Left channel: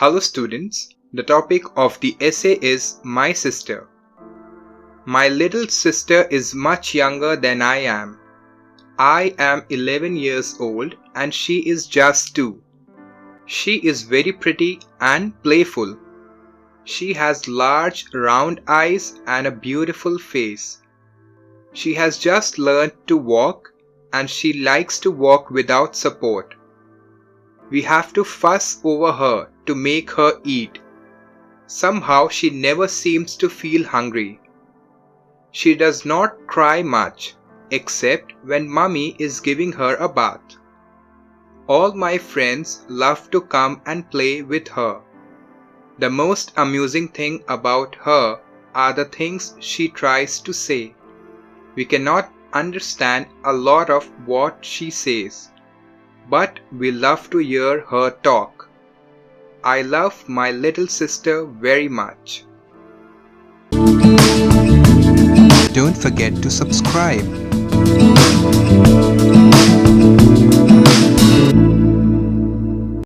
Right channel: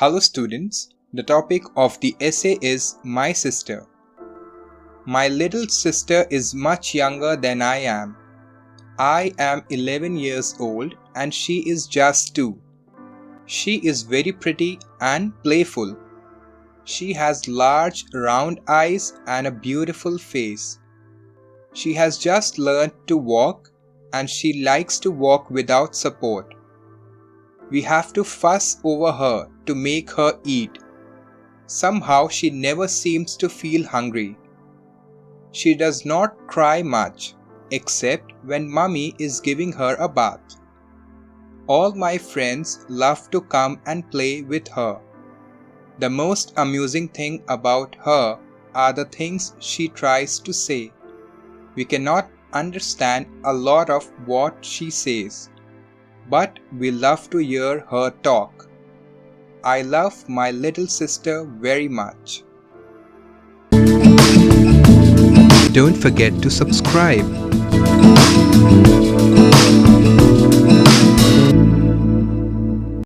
Hello students, the topic of the essay is My Sister. My little sister is much younger than I am. I am 11 years old and she is just 2. She is very pretty and playful. She has large round eyes and a beautiful face. She has just learned to walk and she likes to walk without support. We have to fuss over her to make her eat. Somehow she never seems to feel hungry. She does not cry much, except when Mummy is giving her a bath. All my friends love to come and play with her. The most amusing thing about her are the things she tries to say. We cannot understand a lot of what she says, but we love to hear her talk. I love my little sister very much. Don't forget to subscribe.